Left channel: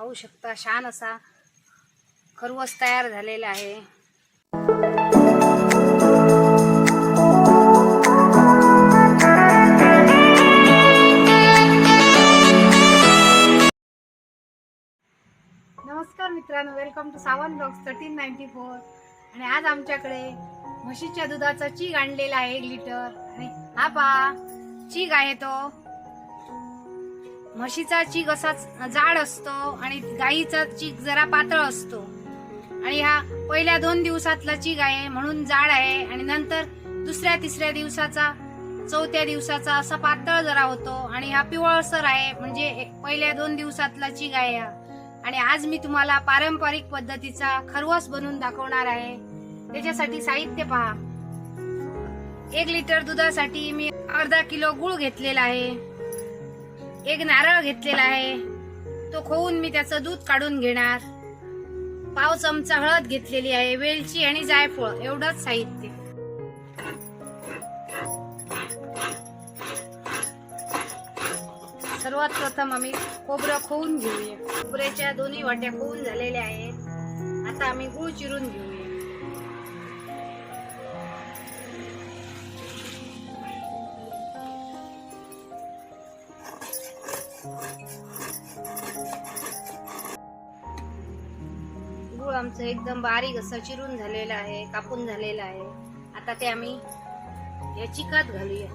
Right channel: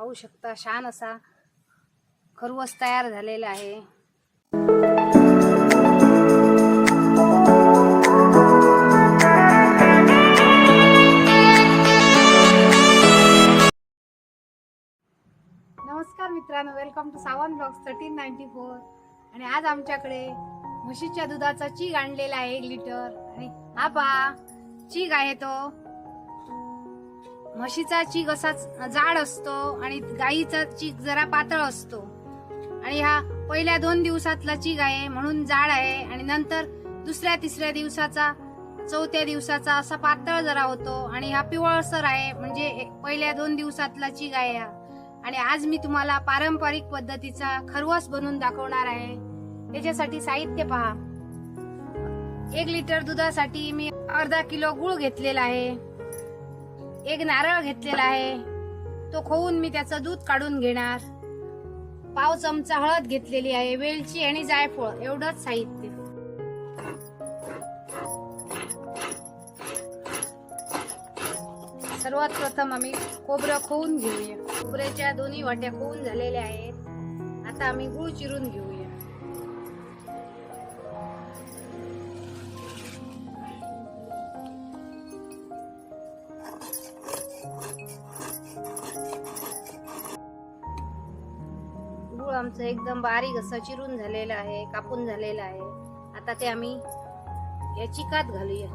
पाहू शकता. छान असा खरवस तयार झालेला आहे. नमस्कार मित्रांनो welcome to Sawan blogs thirteen ninety four आणि आज आमच्याकडे म्हशीच्या दुधाचा चीक आणलेला आहे एक लिटर आणि हा पहा चीग आहे तो. म्हशीचा चीक असा जाड असतो आणि गाईचा चीक जरा पातळ असतो. आणि हा पहिल्या दोन दिवसातला चीक आहे म्हणून जाड आहे. आणि नंतर दुसऱ्या तिसऱ्या दिवसाचा चौथ्या दिवसाचा असा पातळ जरा होतो. आणि हा पिवळसर आहे म्हणजे पहिल्या दोन दिवसातला चीक आहे हा. आणि आज मी तुम्हाला पारंपरिक पद्धतीचा खरवस बनवून दाखवणार आहे. त्याच्यासाठी साहित्य पहा. एक लिटर दुधासाठी मी अर्धा किलो गुळ घेतलेला आहे. एक नारळ घेतलेला आहे. तो खोवून मी त्याचं दूध काढून घेणार. पाव चमचा हळद घेतलेली आहे वेलची आणि जायफळ एवढंच साहित्य. सर्वात प्रथम आम्ही खोबरं खोवून घेऊया. खोबऱ्याच्या दोन्ही वाट्या खोवून झालेल्या आहेत. आता आम्ही गुळ चिरून घेऊ. गुळ एकदम बारीक असं चिरून झालेलं आहे कापून झालेलं आहे. आता ते आम्ही या चिकात घालूया.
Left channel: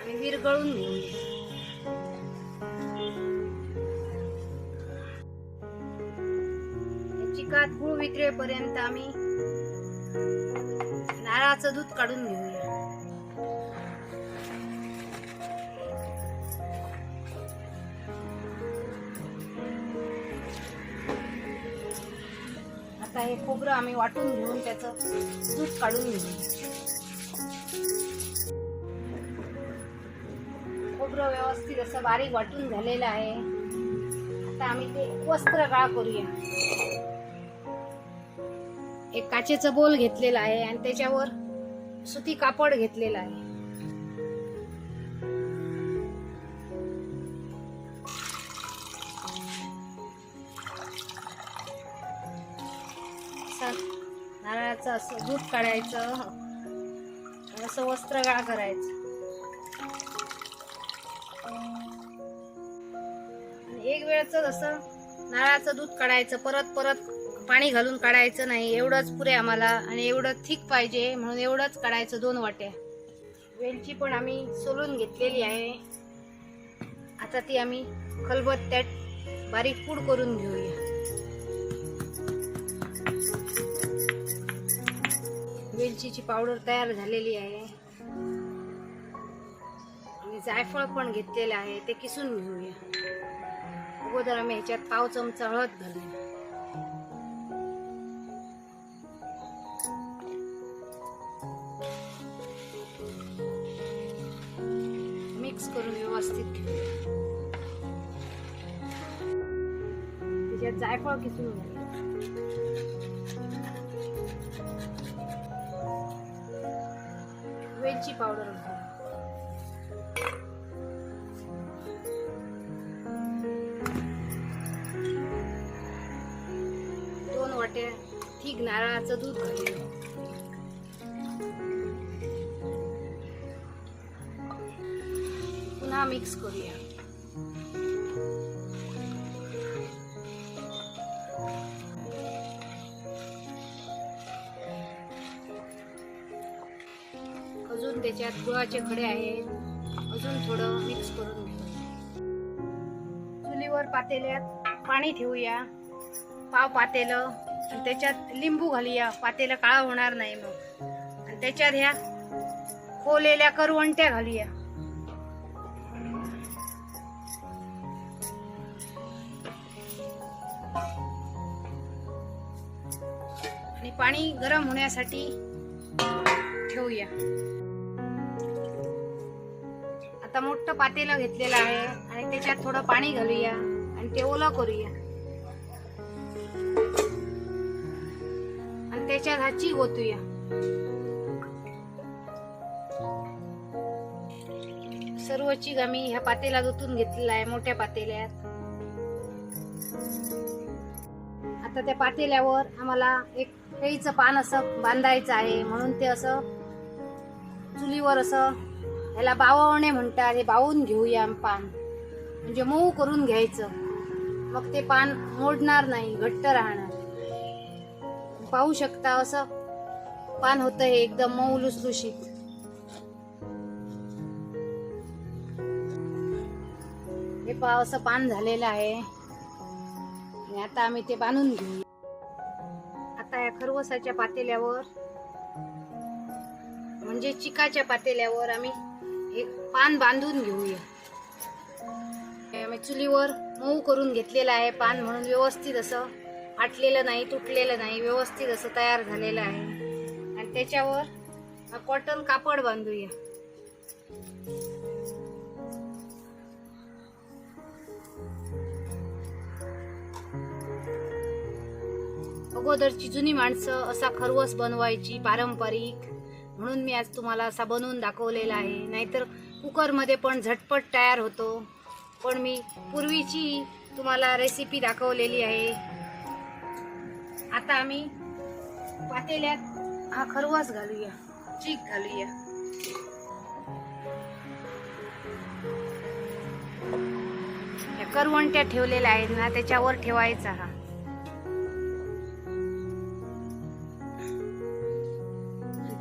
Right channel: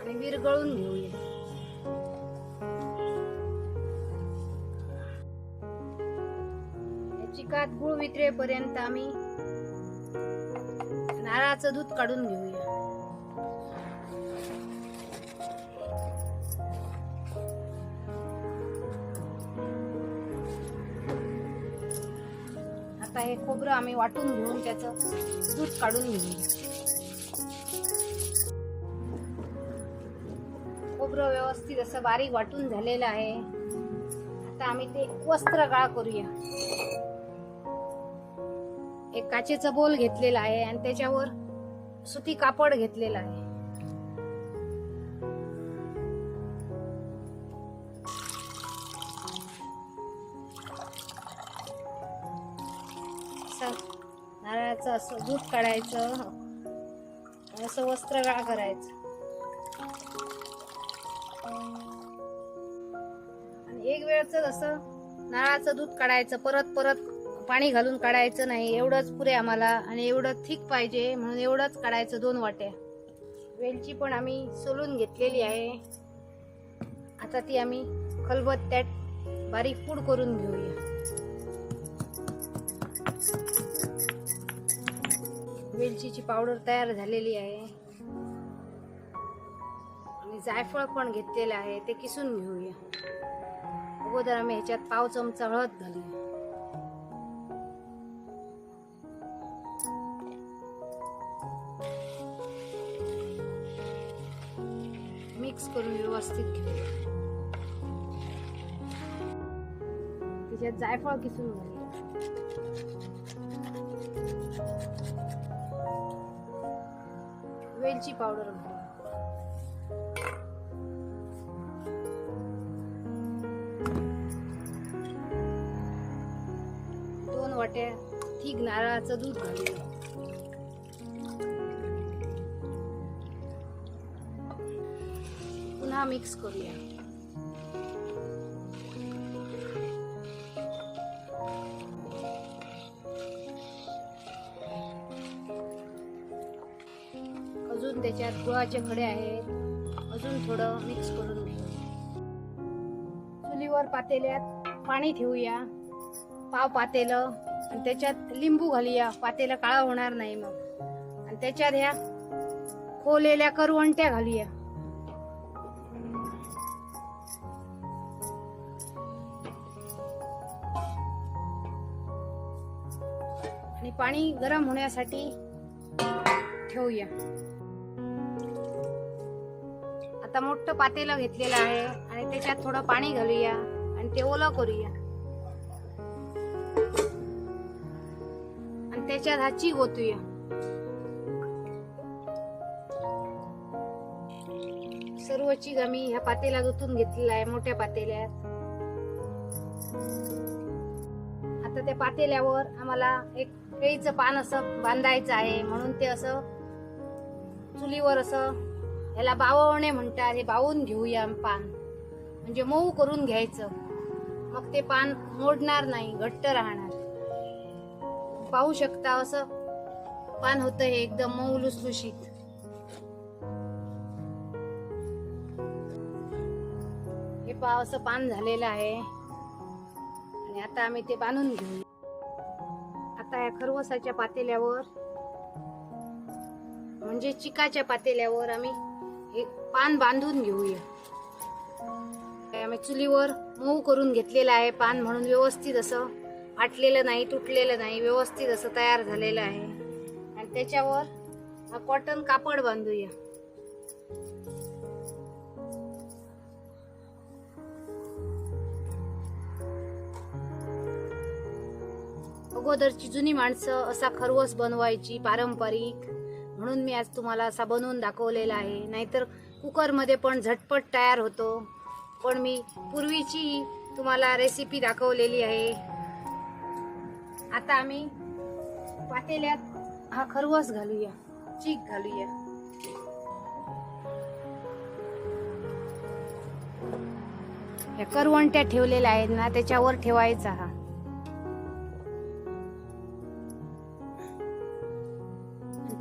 आणि विरगळून घेऊया. या चिकात गुळ विक्रेपर्यंत आम्ही नारळाचं दूध काढून घेऊया. आता हे खोबरं आम्ही वाटून घेऊन त्याचं दूध काढून घेऊ. खोबरं व्यवस्थित असं बारीक वाटून झालेलं आहे. आता आम्ही ते वस्त्र गाळ करूया. एक काचेचं बोल घेतलेला आहे आणि त्याच्यावर सुती कापड घेतलेलं आहे. नारळाचं असं दूध काढायचं. असं वस्त्रगाळ करायचं. आणि एक वेळच असं नारळाचं दूध काढायचं परत परत पाणी घालून काढायचं नाही. एवढंच पुरे आम्हाला आणि एवढं थिक पाहिजे म्हणून एवढंच काढायचं दोन वाट्या. वेलची पण आम्ही सोलून घेतलेली आहे. आता ती आम्ही खलबत्त्यात बारीक पूड करून घेऊया. वेलचीची पावडर तयार झालेली आहे. आणि जायफळ पण घेतलेलं आहे ते किसून घेऊया. अगोदर आम्ही ह्याच्यात पाव चमचा हळद घालूया. मिक्स करून व्यवस्थित त्याच्यात जायफळ किसून घालूया. मिरची पावडर घालूया दोन वाट्या ठीक नारळाचं दूध घालूया पुन्हा मिक्स करूया. अजून त्याच्यात गुळाचे खडे आहेत. अजून थोडं मिक्स करून घेऊ. चुलीवर पातेल्यात पाणी ठेवूया. पाव पातेलं आणि त्याच्यात लिंबू घालूया. पातेलं काळं होणार नाही मग. आणि त्याच्यात ह्या कोलेल्या करवंट्या घालूया. आणि पाणी गरम होण्यासाठी ठेवूया. आता मोठं पातेलं घेतलेलं आहे. आणि त्याच्यात थोडं पाणी घालूया. आणि ते ओलं करूया. आणि त्याच्यात हाची गोतूया ओतूया. सर्व चीक आम्ही ह्या पातेला ओतून घेतलेला आहे मोठ्या पातेल्यात. आता त्या पातेल्यावर आम्हाला एक केळीचं पान असं बांधायचं आहे. म्हणून ते असं चुलीवर असं ह्याला बाववणे म्हणतात हे बावून घेऊया पान. म्हणजे मऊ करून घ्यायचं. मग ते पान मोडणार नाही घट्ट राहणार. पाहू शकता असं पान होतं हे एकदम मऊ लुसलुशीत. हे पा असं पान झालेलं आहे. आणि आता आम्ही ते बांधून घेऊ आता या खरवसाच्या पातेल्यावर म्हणजे चिकाच्या पातेल्यावर आम्ही हे पान बांधून घेऊया. आम्ही चुलीवर मऊ करून घेतलेलं आहे पान म्हणून व्यवस्थित असं आटलेलं नाही तुटलेलं नाही व्यवस्थित असं तयार झालेलं आहे. आणि त्याच्यावर हा कॉटन कापड बांधूया. अगोदरची जुनी माणसं असा खरवस बनवायची पारंपरिक म्हणून मी आज तुम्हाला असा बनवून दाखवलेला आहे. नाहीतर कुकरमध्ये पण झटपट तयार होतो. पण मी पूर्वीची तुम्हाला रेसिपी दाखवलेली आहे. आता आम्ही पातेल्यात हा खरवस घालूया. चीक घालूया. या करवंट्या ठेवलेल्या आहेत ना त्याच्यावर ठेवायचा हा.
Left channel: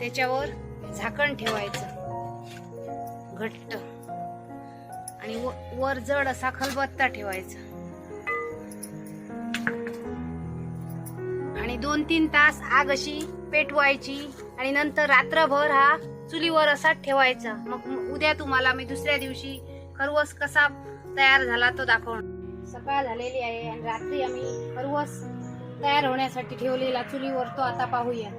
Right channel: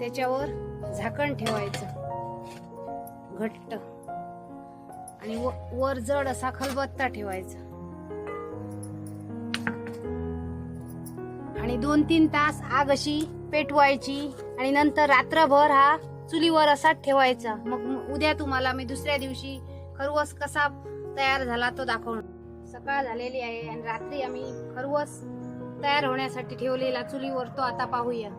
त्याच्यावर झाकण ठेवायचं. घट्ट. आणि व- वर जड असा खलबत्ता ठेवायचा. आणि दोन तीन तास आग अशी पेटवायची आणि नंतर रात्रभर हा चुलीवर असाच ठेवायचा. मग उद्या तुम्हाला मी दुसऱ्या दिवशी खरवस कसा तयार झाला तो दाखवून सकाळ झालेली आहे आणि रात्री आम्ही खरवस तयार होण्यासाठी ठेवलेला चुलीवर तो आता पाहूया.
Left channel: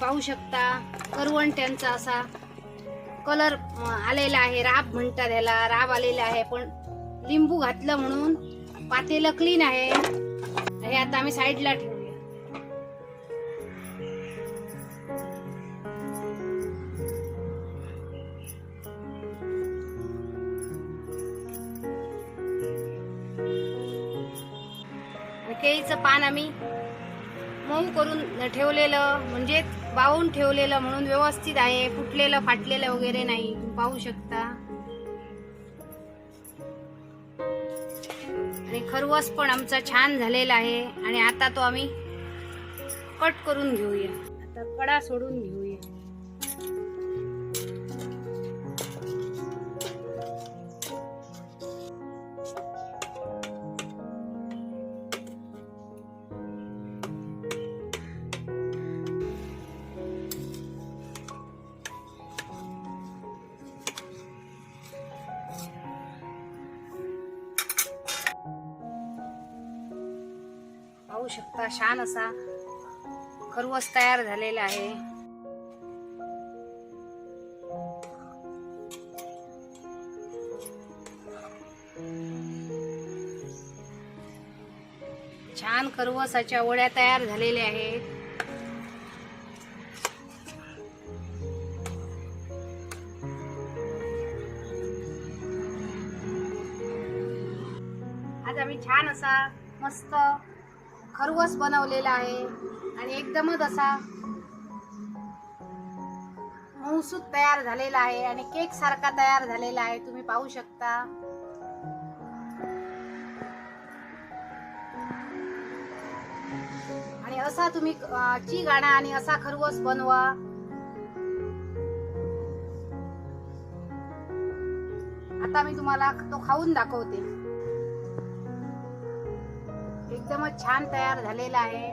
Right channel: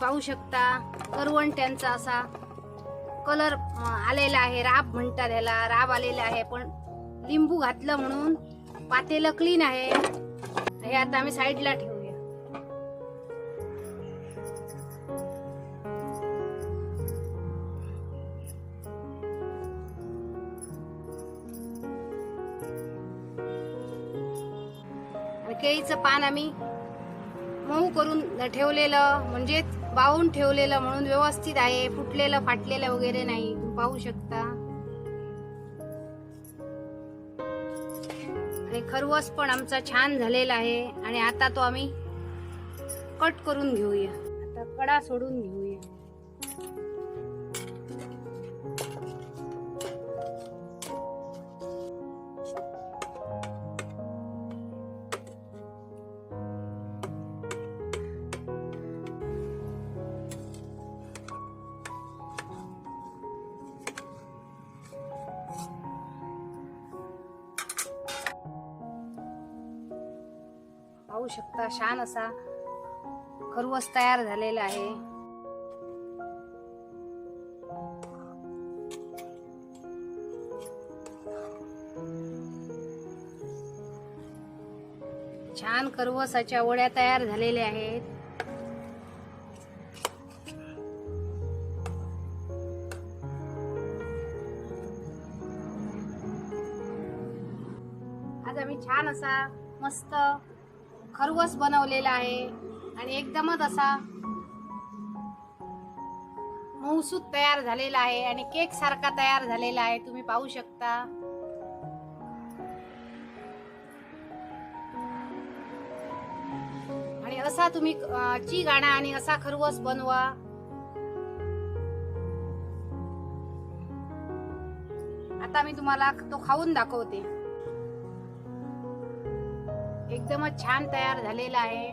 पाहू शकता. करवंट्यांचा असा कलर आलेला आहे. राब म्हणतात ह्याला राब आलेला आहे. पण लिंबू घातलं म्हणून पातेलं क्लीन आहे. हे आता आम्ही साईडला ठेवूया. केळीचं पान आम्ही मऊ करून ठेवलेलं. म्हणजेच वाहून ठेवलेलं म्हणून व्यवस्थित आहे. फुटलेलं फाटलेलं वगैरे नाही. पाहू शकता. आणि खरवस पण आमचा छान झालेला आहे. आणि आता तो आम्ही कट करून घेऊया. आता कडा सोडून घेऊया. पाहू शकता. छान असा खरवस तयार झालेला आहे. छान खरवसाच्या वड्या तयार झालेल्या आहेत. आज आम्ही छान असा मस्त खरवस बनवलेला आहे. आणि एकदमच असा मऊसूत तयार झालेला आहे आणि केक सारखा तयार झालेला आहे. तुम्ही पाहू शकता. आणि असा तुम्ही ची गाणा आणि असा खरवस बनवा. आता मी तुम्हाला तो खाऊन दाखवते. एकदमच छान तयार झालेला आहे.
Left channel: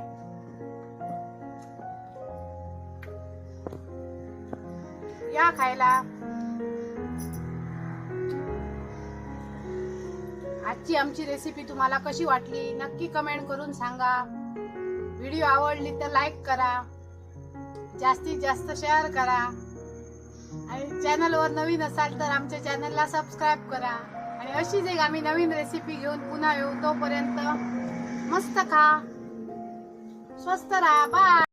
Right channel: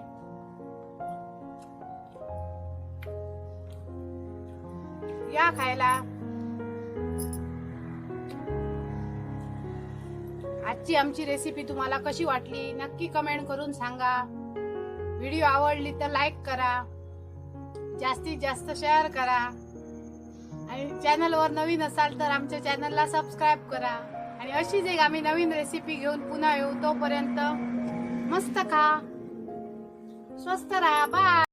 या खायला. आजची आमची रेसिपी तुम्हाला कशी वाटली नक्की कमेंट करून सांगा. व्हिडिओ आवडली तर लाईक करा. जास्तीत जास्त शेअर करा. आणि चॅनलवर नवीन असाल तर आमच्या चॅनलला सबस्क्राईब करा. आणि अशीच एक आम्ही नवीन रेसिपी घेऊन पुन्हा येऊ तोपर्यंत मस्त खा स्वस्त राहा. बाय